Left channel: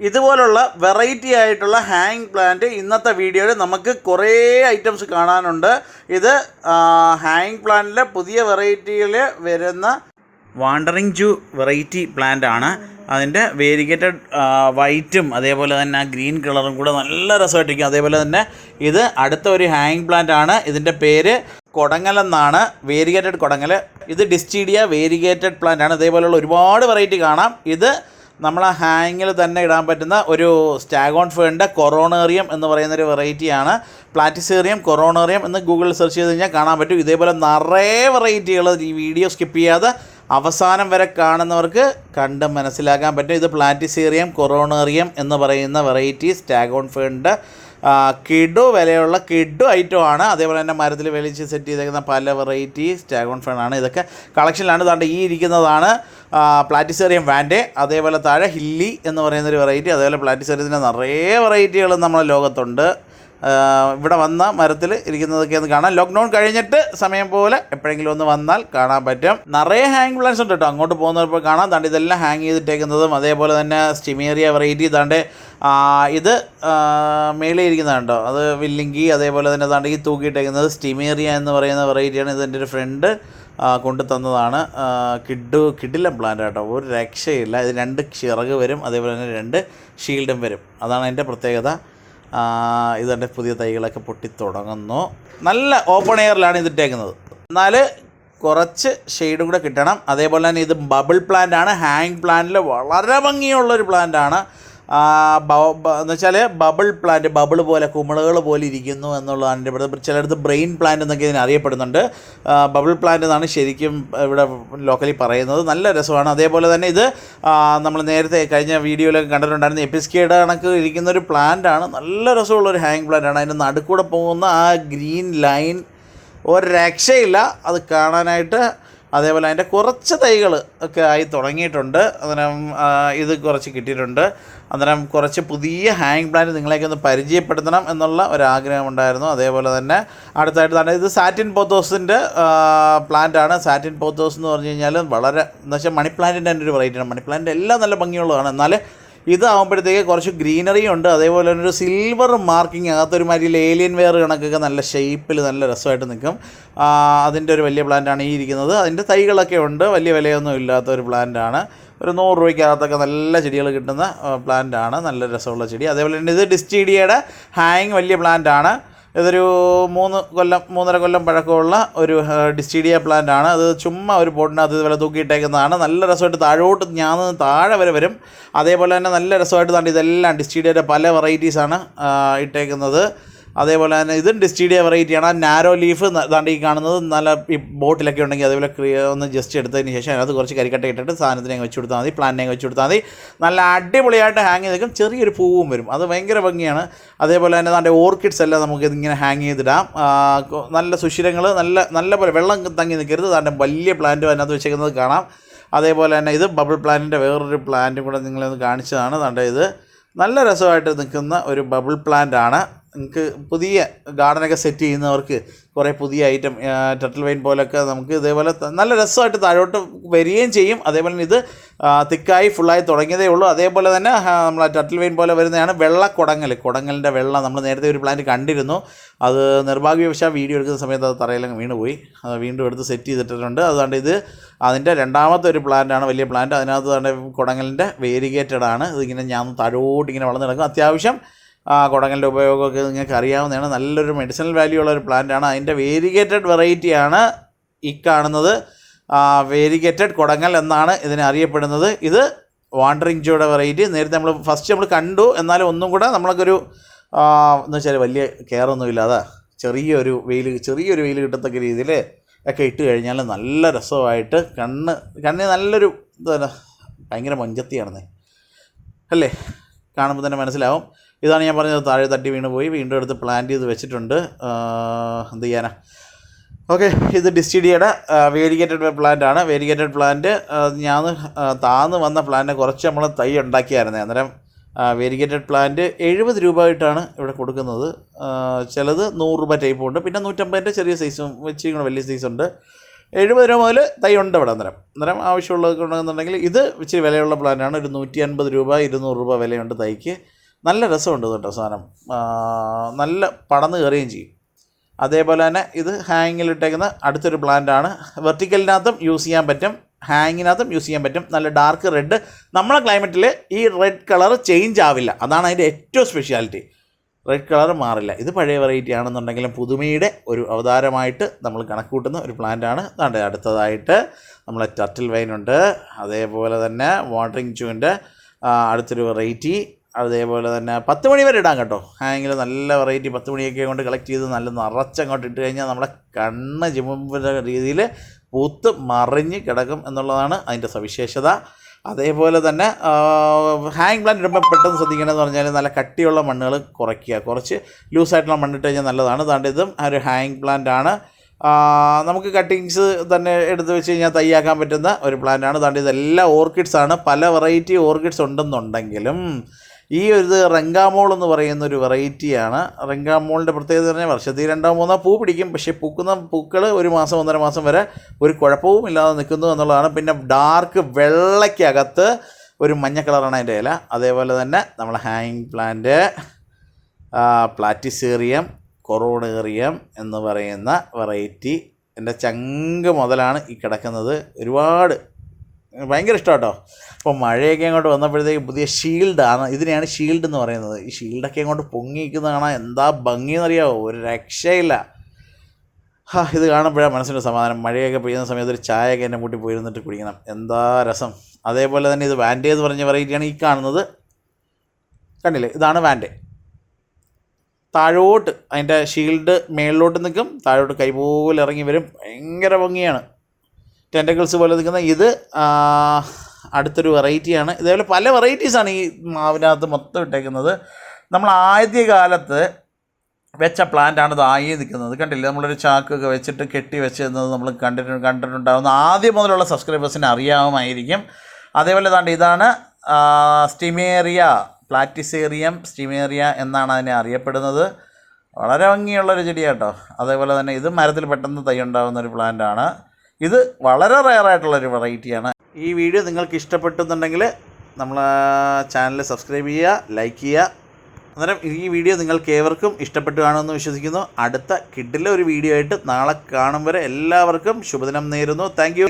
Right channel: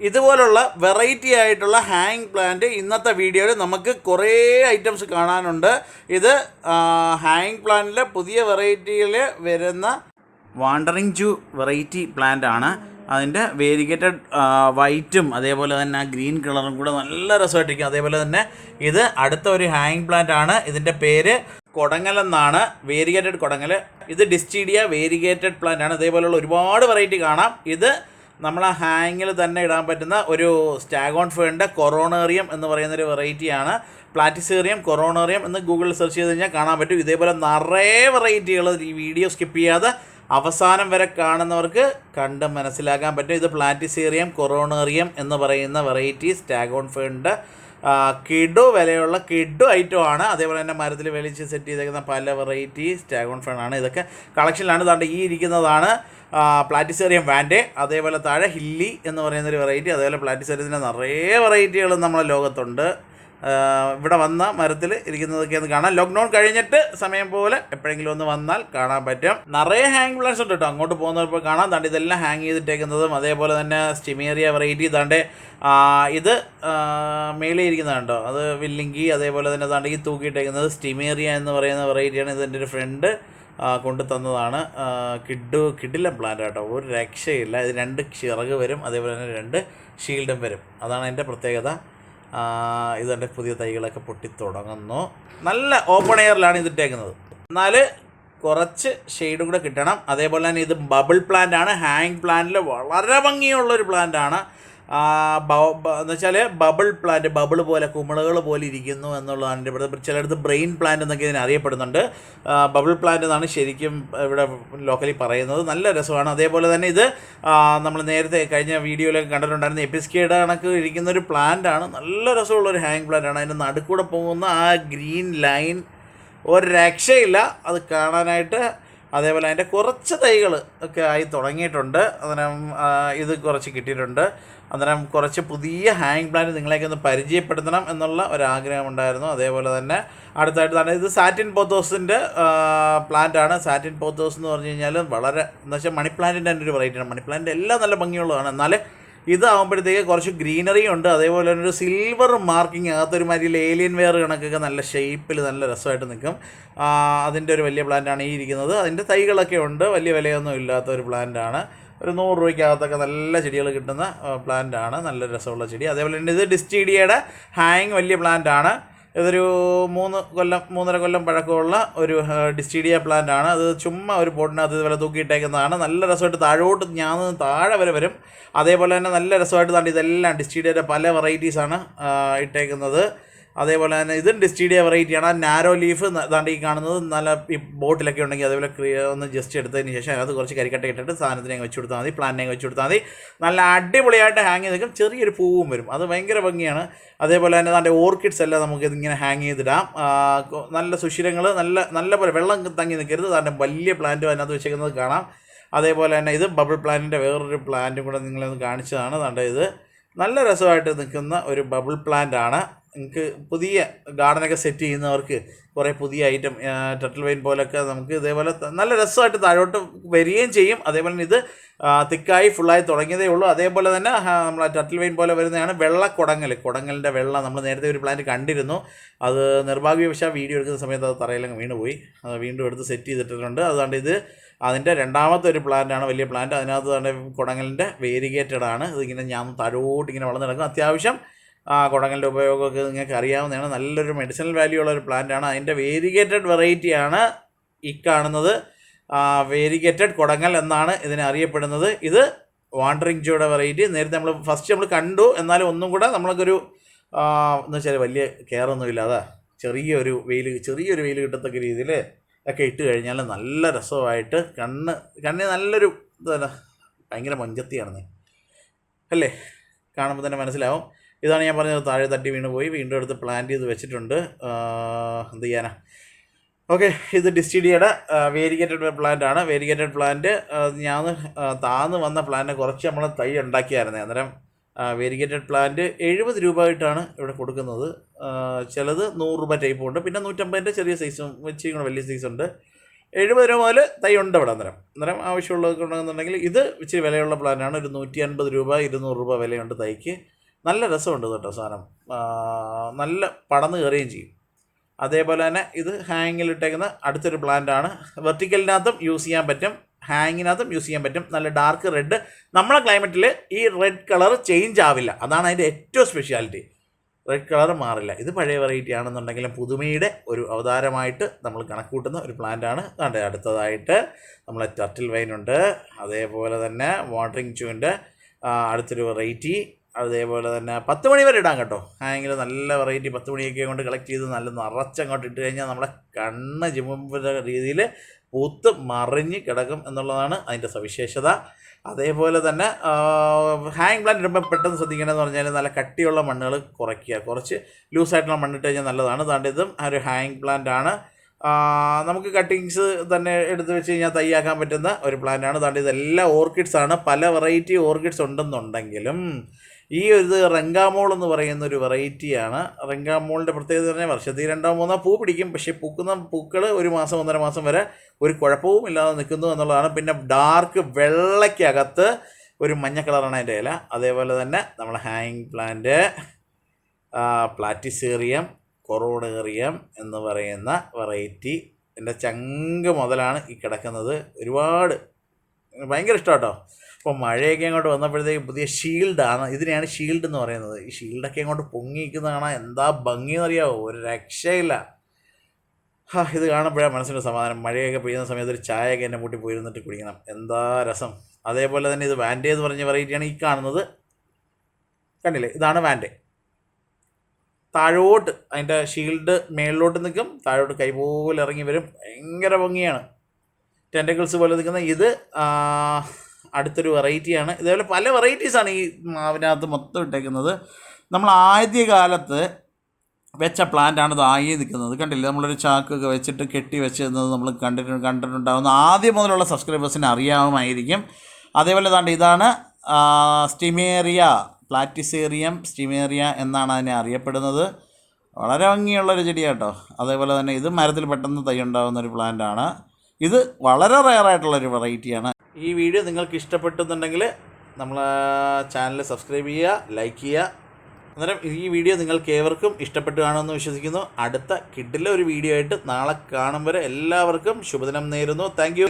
ഇതുപോലുള്ള വെറൈറ്റി ആയിട്ടുള്ള hang plant ഇന്നത്തെ വീഡിയോയിൽ നമുക്ക് കുറേ ഐറ്റംസ് കാണാനുണ്ട്. ഇത് ഹാങ് പ്ലാന്റിലെ പുതിയ വെറൈറ്റിയിൽ വരുന്ന വാണ്ടറിങ് ജൂ വെറൈറ്റി പ്ലാന്റ് ആണ്. അതിൻ്റെ വേരിഗേറ്റഡ് വൈറ്റും അതേപോലെ തന്നെ ഗ്രീൻ കളറും കൂടെ നല്ല രസമായിട്ടിരിക്കും. അതേപോലെ തന്നെ ഇത് അടുത്ത ഒരു ഹാങ് പ്ലാന്റ് ആണ്. ഇതിൻ്റെ പേര് കൊടങ്ങൽ എന്നാണ്, വേരിഗേറ്റഡ് കൊടങ്ങൽ. ഇത് ഡിസ്റ്റീഡിയ വേരിഗേറ്റഡ് പ്ലാന്റ് ആണ്. ഇതേപോലെയുള്ള ഒരുപാട് വെറൈറ്റി കാണാം. ഇത് നമ്മൾ ഹാങ്ങിൽ തന്നെ ഇടാൻ പറ്റുന്ന ഒരു സ്റ്റാഗോൺ ഫേണിൻ്റെ കൊറോണേറിയം എന്ന് പറയുന്നൊരു വെറൈറ്റിയാണ്. പ്ലാറ്റിസേറിയം കൊറോണേറിയം എന്ന് ഗൂഗിളിൽ സെർച്ച് ചെയ്ത് കഴിഞ്ഞാൽ കാണാൻ പറ്റും. ഇതേപോലെ നിറയെ വെറൈറ്റികൾ ഈ വീഡിയോ സ്കിപ്പ് ചെയ്യാതെ അവസാനം വരെ കാണുന്നവർക്ക് കണ്ട് മനസ്സിലാക്കാൻ പറ്റും. ഇത് പ്ലാറ്റിസേറിയം കൊറോണേറിയം എന്ന് പറയുന്ന വെറൈറ്റി സ്റ്റാഗോൺ ഫേണിൻ്റെ കിഡു വിലയുള്ള കിഡു ഐറ്റമാണ്. അതേപോലെ തന്നെ മരത്തിൽ വെളിച്ച് സെറ്റ് ചെയ്തേക്കുന്ന പല വെറൈറ്റി സ്റ്റാഗോൺ ഫേണാണ്. ഇതൊക്കെ കളക്ഷനിലാണ്. താണ്ട് ഈ ഇരിക്കുന്നതാണ് പ്ലാറ്റിസേറിയം വാൻഡേ. അതേപോലെ താഴെ ഹില്ലി എന്ന് പറയുന്നൊരു വെറൈറ്റി. അതേപോലെ പ്ലാറ്റിസേറിയത്തിൻ്റെ നിറയെ വെറൈറ്റികൾ നമ്മുടെ ലോകത്തുണ്ട്. ഇവിടെ വന്ന മരത്തിൽ ഇരിക്കുന്നതൊക്കെ ഒന്ന് കാണാം. ലോക്ക്ഡൗൺ കഴിഞ്ഞിട്ട് സമയം പോലെ എപ്പോഴെങ്കിലും ഒന്ന് വന്നാൽ കാണാൻ പറ്റും. നിറയെ ഹാങ് പ്ലാന്റ്സ് ഉണ്ട് കേട്ടോ. അങ്ങോട്ട് പോകുന്നപ്പോൾ കാണാം. താണ്ട് ഇതെല്ലാം ഹാങ് ചെയ്തിട്ടേക്കുന്നതും അതേപോലെ തന്നെ സ്റ്റിമേറിയ വെറൈറ്റി. താണ്ട് ഇത് മേളിൽ ഇരിക്കുന്നതുണ്ടോ, അത് വില്ലിങ്കി. അതേപോലെ തന്നെ താണ്ട് ഈ തൂക്കിയിട്ടേക്കുന്നത് സ്റ്റിമേറിയ എന്ന് പറയുന്ന വെറൈറ്റിയാണ്. ഇതെൻ്റെ ഒരു ഫ്രണ്ട് കൊണ്ടു തന്നതാണ്. കിഡിലം പ്ലാന്റ് കേട്ടോ, ഒരു രക്ഷയില്ല. ഇത് 2 ചിറക് വരും, അതേപോലെ തന്നെ 2 ഷീൽഡും വരും. അതാണ് അതിൻ്റെ പ്രത്യേകത. ഇതെൻ്റെ പുതിയ തൈകളൊക്കെ പൊട്ടിത്തുടങ്ങുന്നു. നല്ല ഓപ്പൺ എയറിലാണ് ഇതിട്ടേക്കുന്നത്. എന്നാൽ കുറച്ച് ഷെയ്ഡും കൂടെ കിട്ടണം. അതേപോലെ തന്നെ ഇത് ബബിൾ പ്ലാന്റ് ആണ്. ഹാങ് പ്ലാന്റിൽ വളരെ ഭംഗിയുള്ളൊരു പ്ലാന്റ് ആണ്. എന്ന് വെച്ചാൽ ബബിൾ പ്ലാന്റ്, ബബിൾ പോലെ കുമിളകൾ പോലെ ഇരിക്കുന്നു എന്നുള്ളതാണ് എൻ്റെ ഇവിടെ. ചിലയിടത്ത് ബ്രെയിൻ പ്ലാന്റ് എന്നൊക്കെ ഇതിന് അറിയപ്പെടുന്നുണ്ട്. ബബിൾ പ്ലാന്റ് എന്നാണ് ശരിക്കും ഇവിടെ ലോക്കലി പറയുന്നത്. നല്ല രസമാണ്. അതേപോലെ തന്നെ ഇത് നമ്മൾ നേരത്തെ കഴിഞ്ഞ വീഡിയോയിലൊക്കെ കണ്ടിട്ടുണ്ടായിരുന്ന എപ്പിസ്കേഡ് കണക്ക് ഇരിക്കുന്നൊരു പ്ലാന്റ് ആണ്. നല്ല രസമുള്ളൊരു ഹാങ് പ്ലാന്റ് ആണ്. അതിൻ്റെ നടുക്കൂടെ പോകുന്ന ആ ഗ്രീൻ ലൈൻ ഒരു രക്ഷയില്ല അത് കാണാനായിട്ട്. അതേപോലെ അതിൻ്റെ കുറച്ച് തൈകൾ ഒക്കെ ആയി തുടങ്ങിയിട്ടുണ്ട്. അന്നേരം ഇത് കുറച്ച് കിട്ടിയിട്ടുണ്ട്. അന്നേരം കുറച്ച് പുതിയ ഹാങ് പ്ലാന്റ് നിങ്ങളെയൊക്കെ ഒന്ന് പരിചയപ്പെടുത്തണം എന്നുള്ള ഒരാഗ്രഹമുണ്ടായിരുന്നു. അതേപോലെ തന്നെ അടുത്തായിട്ട് തന്നെ ഇത് സാറ്റിൻ പോത്തോസിൻ്റെ പ്ലാന്റ് ആണ്. സാറ്റിൻ പോത്തോസ് എന്ന് പറഞ്ഞു കഴിഞ്ഞാൽ വളരെ എന്ന് വെച്ചാൽ മണി പ്ലാന്റിൻ്റെ തന്നെ ഒരു വെറൈറ്റിയാണ്. മണി പ്ലാന്റ് എല്ലാം നല്ല ഭംഗിയുള്ളതാണ്. എന്നാൽ ഇതാകുമ്പോഴത്തേക്ക് കുറച്ച് ഗ്രീനറി ഉണ്ട്. അതേപോലെ തന്നെ ഒരു സിൽവർ മാർക്കിങ്, അകത്തൊരു മാതിരി ഏലിയൻ വെയർ കണക്കൊക്കെ നല്ല ഷേപ്പിൽ നല്ല രസമായിട്ട് നിൽക്കും. അതിൻ്റെ ഒരു വലിയ പ്ലാന്റാണ് ഈ ഇരിക്കുന്നത്. അതിൻ്റെ തൈകളൊക്കെ ഉണ്ട്. വലിയ വിലയൊന്നും ഇല്ലാത്ത ഒരു പ്ലാന്റാണ്. ഒരു 100 രൂപയ്ക്കകത്തൊക്കെ നല്ല ചെടികൾ കിട്ടുന്ന പ്ലാന്റാണ്. നല്ല രസമുള്ള ചെടി. അതേപോലെ തന്നെ ഇത് ഡിസ്റ്റീഡിയയുടെ ഹാങ് വലിയ പ്ലാന്റാണ്. ഇതൊരു 3.5 കൊല്ലം പഴക്കമുള്ള ഒരു ഡിസ്റ്റീഡിയ പ്ലാന്റ് ആണ്. അത് ചുമ്മാ ഒരു പോട്ടിനകത്ത് ഇതുപോലെ തൂക്കിയിട്ടേക്കുന്നതാണ്. നല്ല രസമായിട്ട് താഴോട്ട് താഴെ വരെ വരും. അതേപോലെ തന്നെ നല്ല രസമായിട്ട് താണ്ട് ഇതെല്ലാം ഡിസ്റ്റീഡിയയുടെ പല വെറൈറ്റീസാണ് ഇട്ടേക്കുന്നത്. അതേപോലെ തന്നെ ഇതും ഡിസ്റ്റീഡിയ വെറൈറ്റിയാണ്. നാരോ ലീഫ് താണ്ട് ഈ കാണുന്നത് നല്ല ഈ ബോട്ടിലൊക്കെ ഉണ്ടെങ്കിൽ അതേപോലെ ഒന്ന് ജസ്റ്റ് എടുത്തതിന് ശേഷം അതിനകത്ത് കുറച്ച് കരിക്കട്ട ഇട്ടിട്ട് സാധനത്തിനെ വെച്ച് കൊടുത്താൽ മതി, പ്ലാന്റിനെ വെച്ച് കൊടുത്താൽ മതി. നല്ല അടിപൊളിയായിട്ട് ഹാങ് ചെയ്ത് നിൽക്കും. ചെറിയൊരു പൂവും വരും. അത് ഭയങ്കര ഭംഗിയാണ്. അതേപോലെ തന്നെ താണ്ട് ഓർക്കിഡ്സ് എല്ലാം നമുക്ക് ഇതിങ്ങനെ ഹാങ് ചെയ്തിടാം. നല്ല സുഷിരങ്ങൾ നല്ല പോലെ വെള്ളം തങ്ങി നിൽക്കരുത്. താണ്ട് വലിയ പ്ലാന്റ് അതിനകത്ത് വെച്ചേക്കുന്നത് കാണാം. അതേപോലെ തന്നെ ഇത് ബബിൾ പ്ലാന്റിൻ്റെ വേറൊരു പ്ലാന്റും കൂടെ നിങ്ങളൊന്ന് കാണിച്ചതാണ്. താണ്ട് ഇത് നല്ല രസമായിട്ട് നിൽക്കുന്ന ഒരു ബബിൾ പ്ലാന്റ് ആണ്. നിങ്ങൾക്ക് പുതിയ ഗാർഡനൊക്കെ സെറ്റ് ചെയ്യുന്നവർക്ക് കുറേ പുതിയ ഐറ്റം ടർട്ടിൽ വൈൻ പോലൊക്കെ നമുക്ക് ഇതേപോലെ നല്ല രസമായിട്ട് താഴോട്ട് വരികയും ചെയ്യും. അതേപോലെ തന്നെ ഇത് തിക്കായി ഫുള്ളായി തുടങ്ങിയതേ ഉള്ളൂ. അതേപോലെ തന്നെ നമ്മൾ ടർട്ടിൽ വൈൻ പോലെ വരുന്നതാണ് കൊടങ്ങലിൻ്റെ വെള്ള. നമ്മൾ നേരത്തെ ഒരു പ്ലാന്റ് കണ്ടിരുന്നു. അത് നിർഭാഗ്യവശാൽ വീഡിയോ എടുക്കുന്ന സമയത്ത് അത് തറയിലങ്ങ് വീണുപോയി. അത് വീണ്ടും എടുത്ത് സെറ്റ് ചെയ്തിട്ടുണ്ട്. അതുകൊണ്ട് ഇത് അതിൻ്റെ രണ്ടാമത്തെ ഒരു പ്ലാന്റാണ്, വലിയ പ്ലാന്റ്. അതിനകത്ത് തന്നെ കൊടങ്ങലിൻ്റെ വേരിഗേറ്റഡ് ആണ്. ഇതിങ്ങനെ ഞാൻ താഴോട്ട് ഇങ്ങനെ വളർന്നു കിടക്കും. അത്യാവശ്യം കൊടങ്ങലിൻ്റെ ഉപയോഗമൊക്കെ നിങ്ങൾക്ക് അറിയാവുന്നതാണ്. നല്ലൊരു മെഡിസിനൽ വാല്യൂ ഉള്ള ഒരു പ്ലാന്റാണ്. അതിൻ്റെ വേരിഗേറ്റഡ് വെറൈറ്റിയാണ് ഈ കാണുന്നത്. വേരിഗേറ്റഡ് കൊടങ്ങൽ എന്നാണ് ഇതിനെ അറിയപ്പെടുന്നത്. ഇത് വാണ്ടറിങ് ജൂയുടെ വെറൈറ്റി. നേരത്തെ നമ്മൾ കണ്ടു. എന്നാലും ഒന്നും കൂടെ നമ്മൾക്കൊരു എന്ന് വെച്ചാൽ വലിയ കെയറൊന്നുമില്ല. അതാ ചെറിയൊരു വെയിൽ കിട്ടത്തക്ക രീതിയിൽ ഒക്കെ ഇട്ട് കഴിഞ്ഞാൽ നല്ല രസമായിട്ട് കണ്ണിന് നല്ലൊരു ഭയങ്കര മഞ്ചത്തിയാണെന്നേ അല്ലേ, കാണുമ്പോൾ തന്നെ മനസ്സിലാവും. ഇതാണ് ഞാൻ പറഞ്ഞത്. താഴെ തട്ടി വീണ് പോയി. വീണ്ടും എടുത്ത് പ്ലാന്റ് ചെയ്ത് വെച്ചിട്ടുണ്ട്. എന്ത് ചെയ്യാനാ. ഓക്കെ, ഇത് ഡിസ്റ്റീഡിയയുടെ വേരിഗേറ്റഡ് പ്ലാന്റ് ആണ്. വേരിഗേറ്റഡ് പ്ലാന്റ് ഞാൻ താന്ന് വന്ന പ്ലാന്റിനെ കുറച്ച് നമ്മൾ തൈ ഉണ്ടാക്കിയായിരുന്നേ. അന്നേരം വേരിഗേറ്റഡ് പ്ലാന്റ് 70 രൂപ ആയിട്ടാണ് ഇവിടെ കൊടുക്കുന്നത്. ചിലത് 100 രൂപ ടൈപ്പും ഉണ്ട്. പിന്നെ 150 ചെറിയ സൈസും വെച്ച് വലിയ സൈസുണ്ട്. 70 രൂപ മുതൽ തൈ ഉണ്ട് ഇവിടെ. അന്നേരം ആവശ്യമുള്ളതൊക്കെ ഉണ്ടെന്നുണ്ടെങ്കിൽ ഇത് ഇച്ചിരി വിലയുള്ള പ്ലാന്റാണ്. ഒരു 150 രൂപ 200 രൂപ വിലയുണ്ട് തൈക്ക്. നല്ല രസമുണ്ട് കേട്ടോ സാധനം, നല്ല പടന്ന് കയറുകയും ചെയ്യും. അതേപോലെ തന്നെ ഇത് ഹാങ്ങിലിട്ടേക്കുന്ന അടുത്തൊരു പ്ലാന്റാണ്. വെർട്ടിക്കലിനകത്തും യൂസ് ചെയ്യാൻ പറ്റും, ഹാങ്ങിനകത്തും യൂസ് ചെയ്യാൻ പറ്റും. നല്ല ഡാർക്ക് റെഡ്. നമ്മളെ ക്ലൈമറ്റിൽ ഈ റെഡ് കളർ ചേഞ്ച് ആവില്ല, അതാണ് അതിൻ്റെ ഏറ്റവും സ്പെഷ്യാലിറ്റി. റെഡ് കളർ മാറില്ല. ഇത് പഴയ വെറൈറ്റി ആണെന്നുണ്ടെങ്കിലും പുതുമയുടെ ഒരു അവതാരമായിട്ട് നമ്മൾ കണക്ക് കൂട്ടുന്ന ഒരു പ്ലാന്റാണ്. അതുകൊണ്ട് അടുത്തതായിട്ട് നമ്മളെ ടർട്ടിൽ വൈനുണ്ട്. അതേപോലെ തന്നെ വാട്ടറിങ് ചൂവിൻ്റെ അടുത്തൊരു വെറൈറ്റി. അതേപോലെ തന്നെ 10 മണി വരെ ഇടാം കേട്ടോ. ഹാങ്ങിൽ നല്ല വെറൈറ്റി 10 മണിയൊക്കെ കൊണ്ട് കളക്ട് ചെയ്ത് നല്ല നിറച്ചങ്ങോട്ട് ഇട്ട് കഴിഞ്ഞാൽ നമ്മുടെ കണ്ണ് ചിമ്മുന്ന രീതിയിൽ പൂത്ത് മറിഞ്ഞ് കിടക്കും എന്നുള്ളതാണ് അതിൻ്റെ സവിശേഷത. അതേപോലെ തന്നെ ഹാങ് പ്ലാന്റ് ഇടുമ്പോൾ പെട്ടെന്ന് ശ്രദ്ധിക്കേണ്ടതെന്ന് പറഞ്ഞാൽ നല്ല കട്ടിയുള്ള മണ്ണുകൾ കുറയ്ക്കുക. കുറച്ച് ലൂസായിട്ടുള്ള മണ്ണിട്ട് കഴിഞ്ഞാൽ നല്ലതാണ്. അതുകൊണ്ട് ഇതും ഒരു ഹാങ് പ്ലാന്റാണ്. നമുക്ക് കട്ടിങ്സ് തന്നെ എടുത്ത് വെച്ച് കഴിഞ്ഞാൽ തയ്യാക്കാൻ പറ്റുന്ന ഒരു പ്ലാന്റാണ്. അതുകൊണ്ട് ഇതെല്ലാം ഓർക്കിഡ്സാണ്. പല വെറൈറ്റി ഓർക്കിഡ്സ് ഉണ്ടെന്നുണ്ടെങ്കിലും ഈ ഒരു റെങ്കാമോൾ എന്ന് പറയുന്ന ഒരു വെറൈറ്റിയാണ്. റെങ്കാമോളിൻ്റെ പ്രത്യേകത പറഞ്ഞാൽ വർഷത്തിൽ 2-3 പൂ പിടിക്കും. പക്ഷേ പൂക്കുന്ന പൂക്കൾ 1 മാസം 1.5 മാസം വരെ ഒരു കുഴപ്പവും ഇല്ലാതെ നിൽക്കുന്നു എന്നുള്ളതാണ്. പിന്നെ ഡാർക്ക് വെള്ളയ്ക്കകത്ത് ഒരു മഞ്ഞ കളറാണ് അതിൻ്റെ ഇല. അതേപോലെ തന്നെ നമ്മൾ ഹാങ്ങിങ് പ്ലാന്റ് പ്ലാറ്റിസേറിയം കൊറോണേറിയം എന്ന് പറയുന്ന വെറൈറ്റി എൻ്റെ ചങ്ക് മുതലാണ് ഈ കിടക്കുന്നത്. ഒരുപാട് ഭയങ്കര ഇഷ്ടം കേട്ടോ. അപ്പോൾ മഴയൊക്കെ അങ്ങോട്ട് വന്നപ്പോഴത്തേക്ക് പുതിയ ഷീൽഡാണ്, ഇതിനെയാണ് ഷീൽഡ് എന്ന് പറയുന്നത്. ഈ ഷീൽഡൊക്കെ അങ്ങോട്ട് പൊങ്ങിയിരിക്കുന്നത് കാണാൻ എന്താ ഭംഗിയെന്നറിയാമോ, ഒരു രക്ഷയില്ല. ഇത് കാണുമ്പോഴാണ് മനസ്സിൻ്റെ സമാധാനം. മഴയൊക്കെ പെയ്യുന്ന സമയത്ത് ഒരു ചായയൊക്കെ എന്നെ കൂട്ടി പോയിരുന്നിട്ട് കുടിക്കണം, എന്താ രസം. അതേപോലെ തന്നെ ഇത് വാൻഡേ എന്ന് പറഞ്ഞ വെറൈറ്റിയാണ് ഈ കാണുന്നത്. കണ്ടില്ലേ, ഇതാണ് വാൻഡേ. താഴോട്ട് അതിൻ്റെ ഷീൽഡ് മേളിലോട്ട് നിൽക്കും, താഴോട്ട് കൈ പോലെ ഇറങ്ങി വരും. ഭയങ്കര ഭംഗിയാണ്, ടെൻറ്റക്കിൾസ് പോലെ നിൽക്കുന്ന. ഇത് അടുത്തൊരു വെറൈറ്റിയാണ്. ഇതേപോലെ പല വെറൈറ്റീസാണ് ഈ മാവിനകത്ത് മൊത്തം ഇട്ടേക്കുന്നത്. നമ്മൾ ആദ്യകാലത്ത് വെച്ച പ്ലാന്റാണ് ഇത് ആയി നിൽക്കുന്നത്. കണ്ടില്ലേ, നമ്മളൊരു ചാക്കൊക്കെ വെച്ചിട്ട് കെട്ടി വെച്ചിരുന്നത് നമ്മൾ കണ്ടിട്ടുണ്ടാകുന്ന ആദ്യം മുതലുള്ള സബ്സ്ക്രൈബേഴ്സിന് അറിയാവുമായിരിക്കും. അതേപോലെ ഇതാണ് സ്റ്റിമേറിയ, പ്ലാറ്റിസേറിയം സ്റ്റിമേറിയ എന്നാണ് അതിനെ അറിയപ്പെടുന്നത്. വളരെ ഭംഗിയുള്ളൊരു ചെടിയാട്ടോ. അതേപോലെ തന്നെ ഇത് മരത്തിൽ പെട്ടെന്ന് തൈ ഉണ്ടാകുന്ന ഒരു പ്ലാന്റാണ്. ഇത് വളരെ റെയറായിട്ടുള്ളൊരു വെറൈറ്റിയാണ്. ഈ വീഡിയോ നിങ്ങൾക്ക് ഇഷ്ടപ്പെട്ടെന്നുണ്ടെങ്കിൽ നമ്മളെ ചാനൽ സബ്സ്ക്രൈബ് ചെയ്യുക, ലൈക്ക് ചെയ്യുക. അന്നേരം ഈ വീഡിയോ നിങ്ങൾക്ക് ഏവർക്കും ഇഷ്ടപ്പെട്ടു കാണുമെന്ന് വിശ്വസിക്കുന്നു. അടുത്ത കിഡിലെ ഒരു വീഡിയോ ആയിട്ട് നാളെ കാണും വരെ എല്ലാവർക്കും ശുഭദിനം നേരുന്നു. Thank you.